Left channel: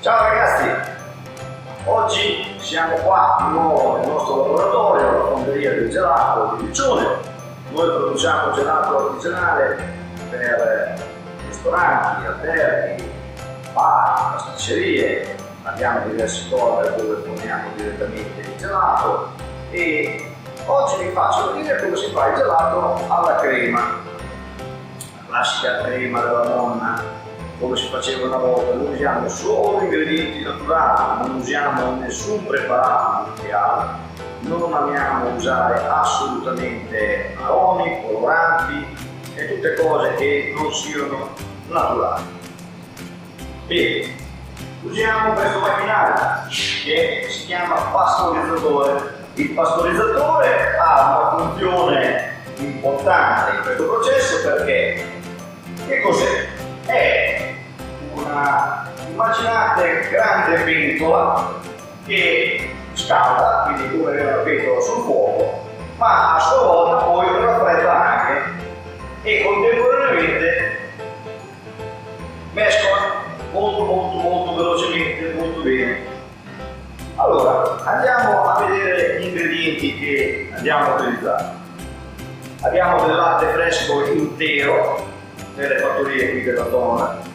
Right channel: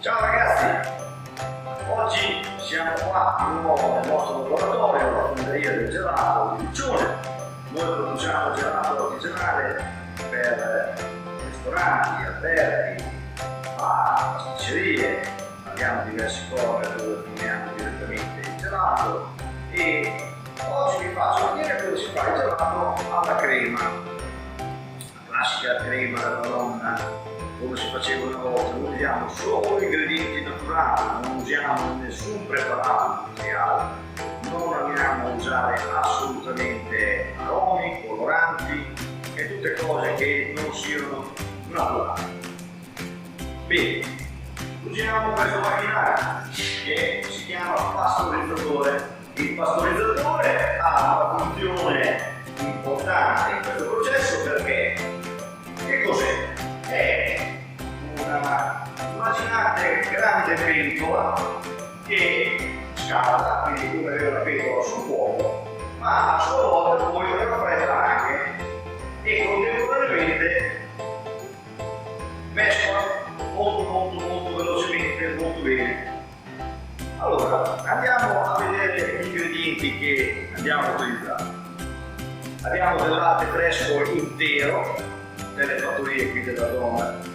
Ciao ragazzi, oggi siamo qua di nuovo nel nostro laboratorio, la fonderia del gelato di Riccione. Noi produciamo gelato artigianale per ristoranti, alberghi, bar, pasticcerie, abbiamo diversi corner dove forniamo direttamente il gelato e oggi vi faccio vedere come si fa il gelato alla crema, la classica crema della nonna, come si faceva una volta. Noi usiamo solo ingredienti naturali, non usiamo nessun preparato industriale, non amiamo usare assolutamente aromi, coloranti e tutte cose che non siano naturali. Bene, usiamo questo macchinario che si chiama pastorizzatore. Il pastorizzatore ha una funzione importante in questo processo perché che cos'è? È immaginate grande pentola che scalda, quindi come avere una pentola sul fuoco, ma a sua volta poi raffredda anche e contemporaneamente mescola molto velocemente, molto bene. Allora, andiamo a vedere gli ingredienti che andiamo a utilizzare. Abbiamo del latte fresco intero nelle fattorie qui della zona.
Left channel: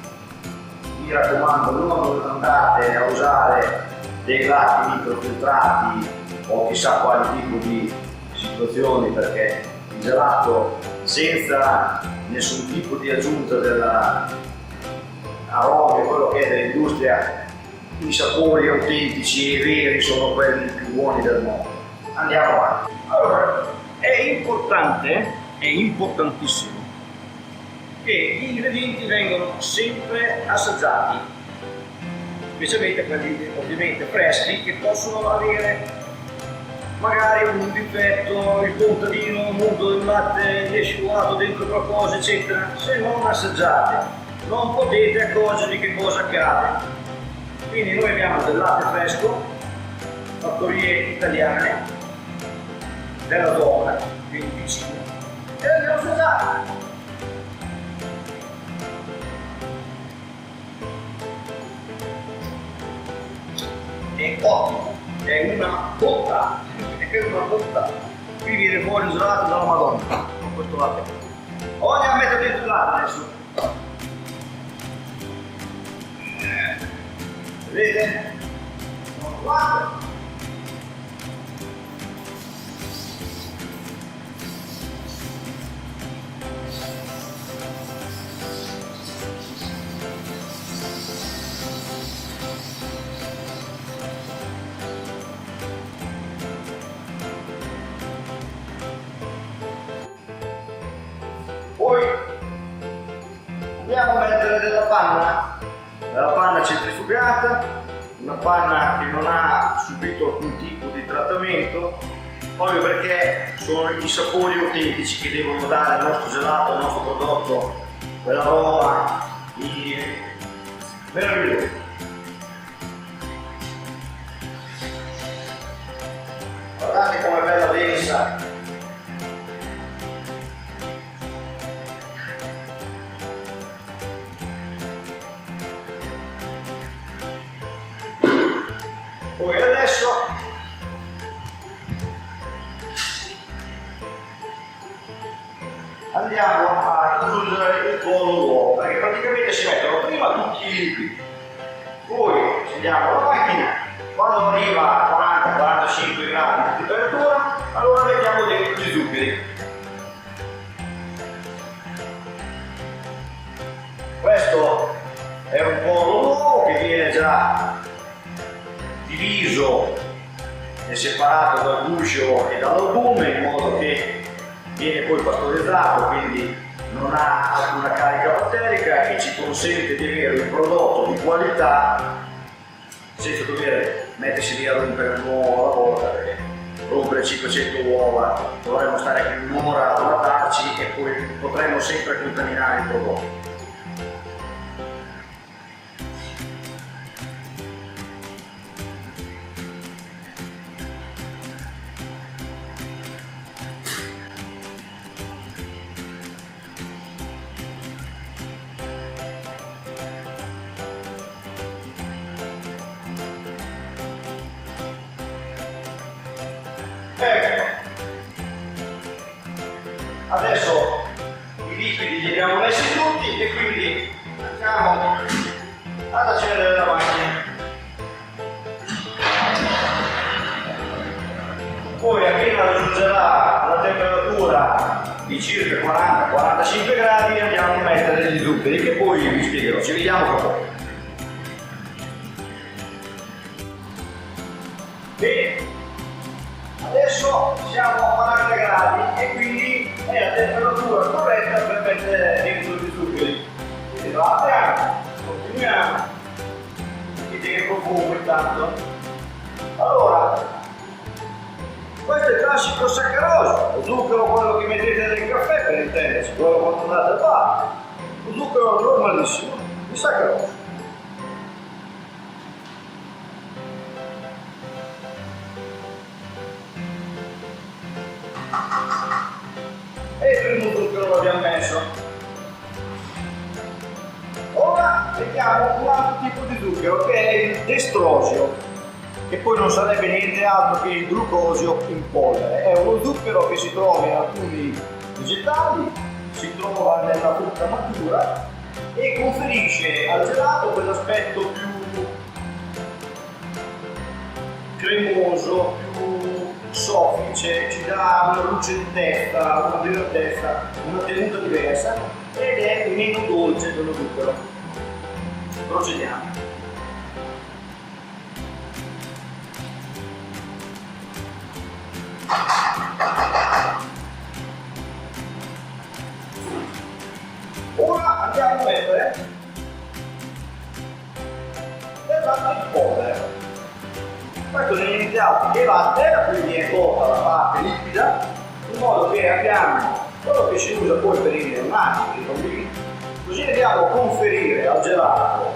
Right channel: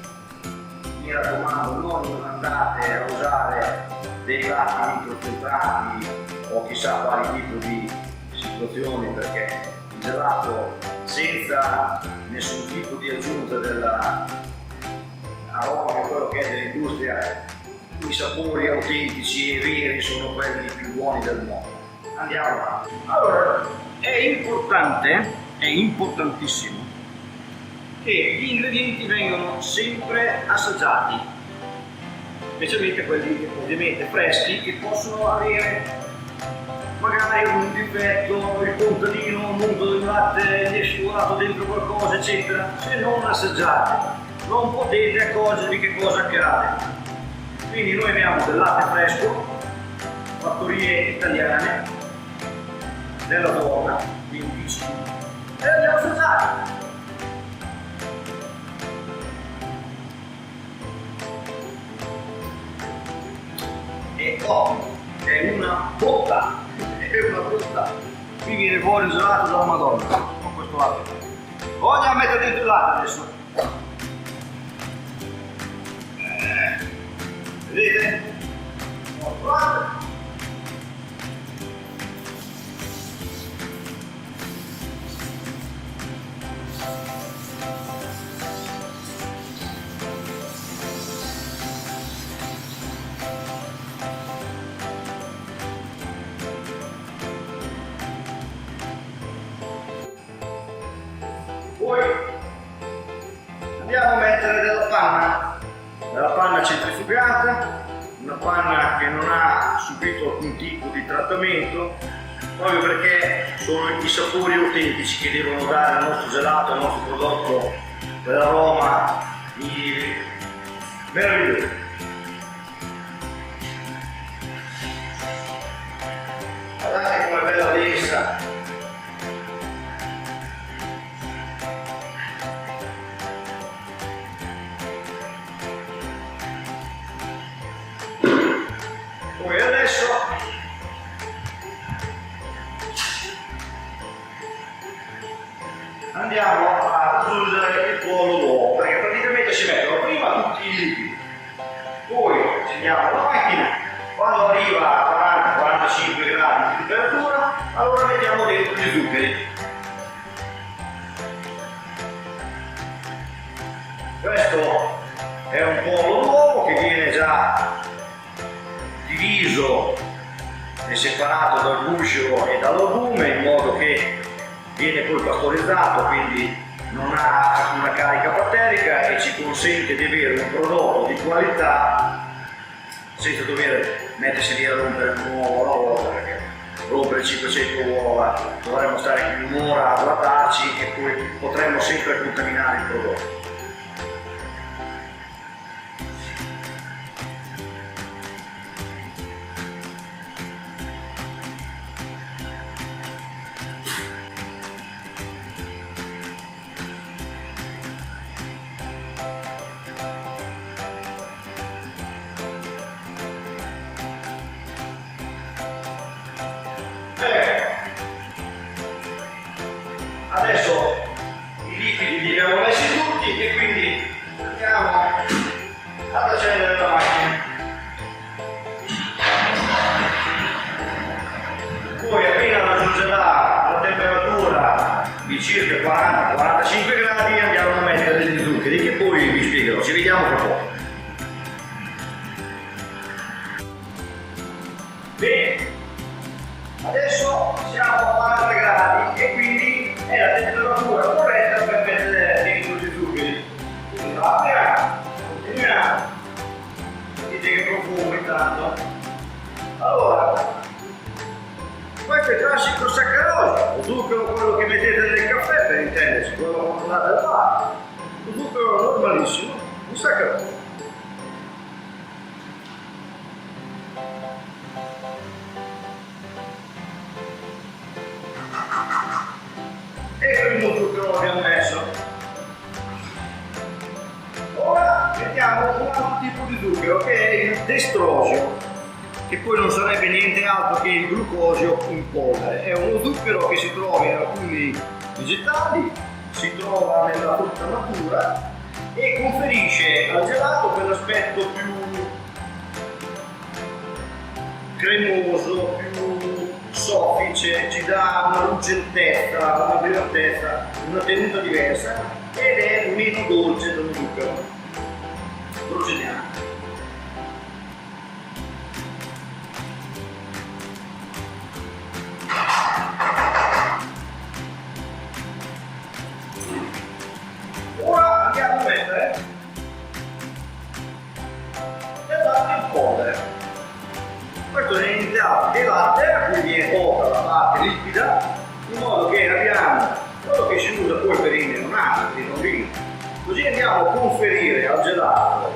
Mi raccomando, non andate a usare dei latti microfiltrati o chissà quali tipo di situazioni, perché il gelato senza nessun tipo di aggiunta dell'aromi o quello che è dell'industria, i sapori autentici e veri sono quelli più buoni del mondo. Andiamo avanti. Allora, è importantissimo che gli ingredienti vengano sempre assaggiati, specialmente quelli ovviamente freschi che possono avere magari un difetto, il contadino, un mondo del latte gli è scivolato dentro qualcosa eccetera. Se non assaggiate non potete accorgervi che cosa accade. Quindi noi abbiamo del latte fresco, fattorie italiane della zona, quindi vicino, e andiamo a assaggiare. È ottimo, è una botta, qui viene fuori un gelato dalla Madonna con questo latte. Voglio mettere dentro il latte adesso, vedete? Poi andiamo a mettere della panna centrifugata, una panna che non ha subito alcun tipo di trattamento, proprio perché sono i sapori autentici che devono dare al nostro gelato, al nostro prodotto, quell'aroma meraviglioso. Guardate com'è bella densa. Poi adesso andiamo a aggiungere il tuorlo d'uovo, perché praticamente si mettono prima tutti i liquidi, poi accendiamo la macchina, quando arriva a 40-45 gradi di temperatura allora mettiamo dentro gli zuccheri. Questo è un pollo d'uovo che viene già diviso e separato dal guscio e dall'albume, in modo che viene poi pastorizzato, quindi non ha alcuna carica batterica e ci consente di avere un prodotto di qualità senza dover mettersi lì a rompere un uovo alla volta, perché rompere 500 uova dovremmo stare più di un'ora a guardarci e poi potremmo sempre contaminare il prodotto. Adesso i liquidi li abbiamo messi tutti e quindi andiamo ad accendere la macchina. Poi appena raggiungerà la temperatura di circa 40-45 gradi andiamo a mettere gli zuccheri che poi vi spiegherò, ci vediamo fra poco. Bene, adesso siamo a 40 gradi e quindi è la temperatura corretta per mettere dentro gli zuccheri. Quindi lo apriamo, continuiamo, vedete che profumo intanto. Allora, questo è il classico saccarosio, lo zucchero quello che mettete nel caffè per intenderci, quello quando andate al bar. Lo zucchero normalissimo, il saccarosio. E il primo zucchero l'abbiamo messo. Ora mettiamo un altro tipo di zucchero che è il destrosio, che poi non sarebbe niente altro che il glucosio in polvere. È uno zucchero che si trova in alcuni vegetali, si trova nella frutta matura e conferisce al gelato quell'aspetto più cremoso, più soffice, ci dà una lucentezza, una brillantezza, una tenuta diversa ed è meno dolce dello zucchero. Procediamo. Ora andiamo a mettere del latte in polvere. Questo è niente altro che latte a cui viene tolta la parte liquida, in modo che abbiamo quello che si usa poi per i neonati, i bambini. Così andiamo a conferire al gelato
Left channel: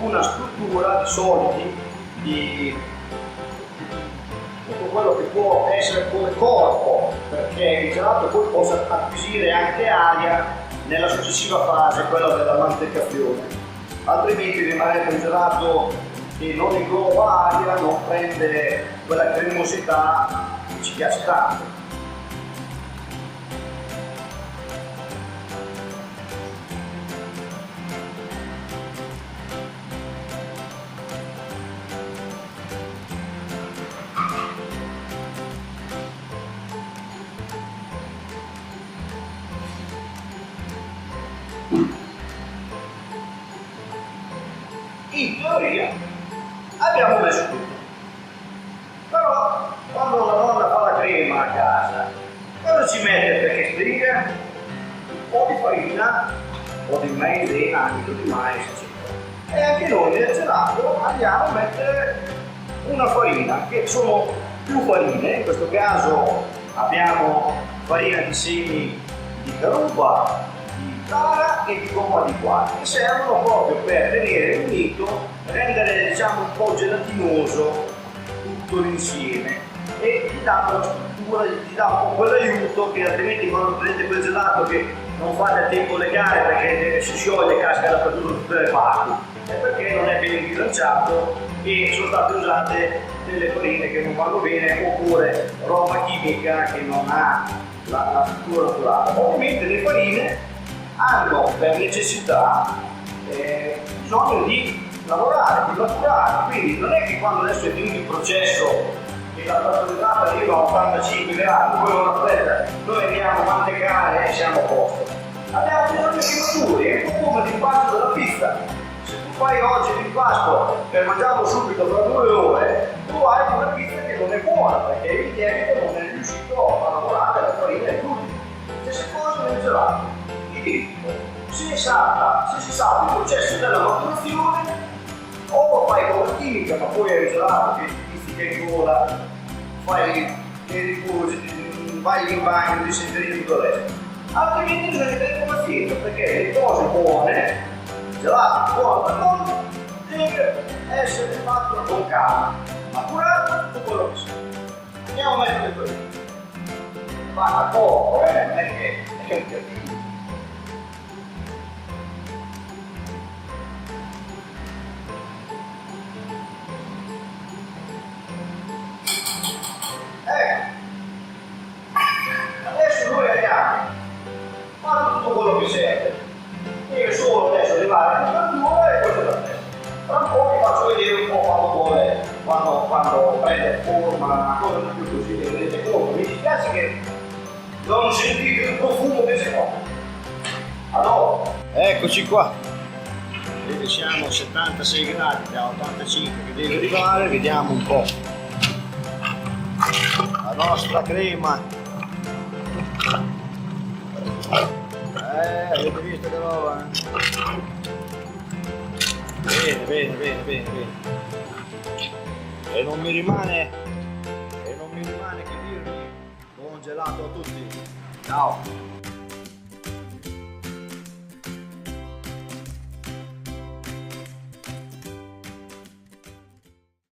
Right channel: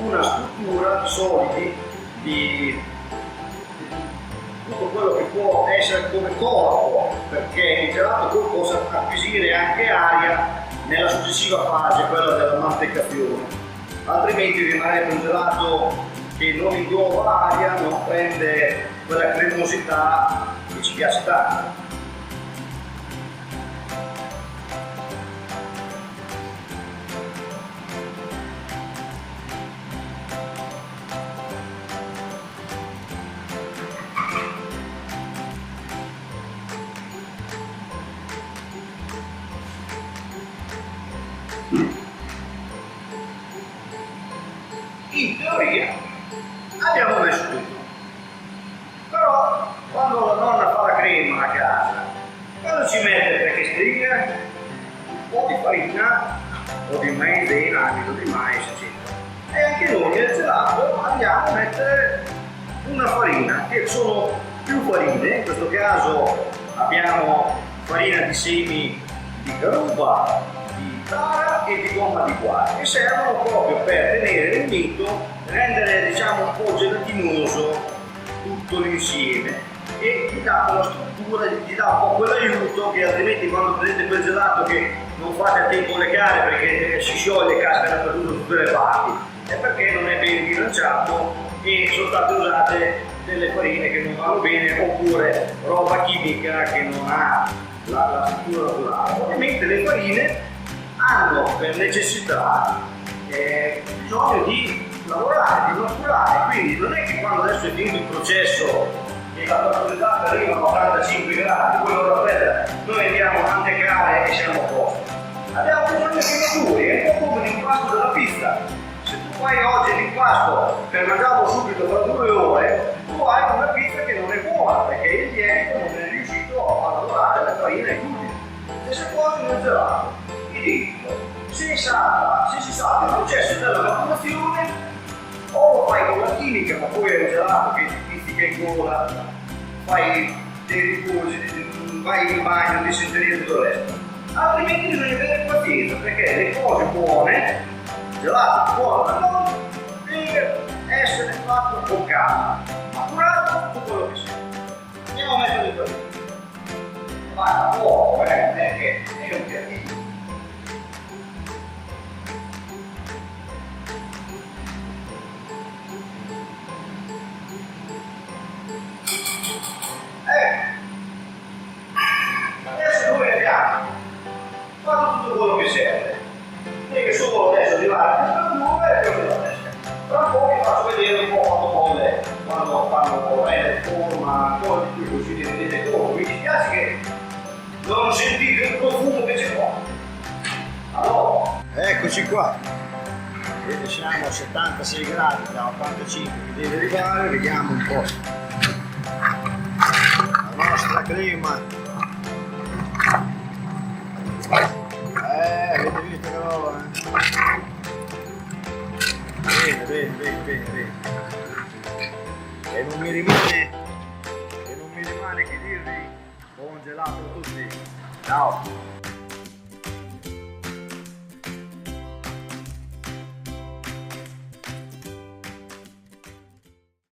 una struttura di solidi, di tutto quello che può essere come corpo, perché il gelato poi possa acquisire anche aria nella successiva fase, quella della mantecazione, altrimenti rimarrebbe un gelato che non ingloba aria, non prende quella cremosità che ci piace tanto. In teoria abbiamo messo tutto, però quando la nonna fa la crema a casa, cosa ci mette perché stringa? Un po' di farina o di maizena, amido di mais, eccetera. E anche noi nel gelato andiamo a mettere una farina, che sono più farine, in questo caso abbiamo farina di semi di caruba, di tara e di gomma di guar, che servono proprio per tenere unito, rendere diciamo un po' gelatinoso tutto l'insieme e gli dà quella struttura, gli dà un po' quell'aiuto che altrimenti quando prendete quel gelato che non fate a tempo le care perché si scioglie e casca dappertutto da tutte le parti, è perché non è ben bilanciato e sono state usate delle farine che non vanno bene oppure roba chimica che non ha la struttura naturale. Ovviamente le farine hanno per necessità bisogno di lavorare, di maturare, quindi non è che quando adesso è finito il processo e la pastorizzata arriva a 85 gradi, poi ora aspetta, noi andiamo a mantecare e siamo a posto. Abbiamo bisogno che maturi, è un po' come l'impasto della pizza. Se tu fai oggi l'impasto per mangiarlo subito tra 2 ore, tu hai una pizza che non è buona perché il lievito non è riuscito a lavorare la farina e i glutine. Stessa cosa nel gelato. Se si salta il processo della maturazione, o lo fai con la chimica, ma poi è il gelato che ti pizzica in gola, fai dei riposi, vai in bagno, dissenteria e tutto il resto. Altrimenti bisogna avere pazienza, perché le cose buone, il gelato buono per noi, deve essere fatto con calma, maturato tutto quello che sia. Andiamo a mettere questo. Ma a poco, perché è un piattino. Adesso noi abbiamo mi serve. Deve solo adesso arrivare a temperatura e poi da testa. Tra un po' vi faccio vedere un po' quando bolle, quando prende forma, ancora di più così che vedete come. Mi dispiace che non sentite il profumo che c'è qua. Allora, eccoci qua. Vedete, siamo a 76 gradi, da 85 che deve arrivare, vediamo un po'. La nostra crema. Avete visto che roba? Bene, bene, bene, bene, bene. E non mi rimane che dirvi buon gelato a tutti. Ciao!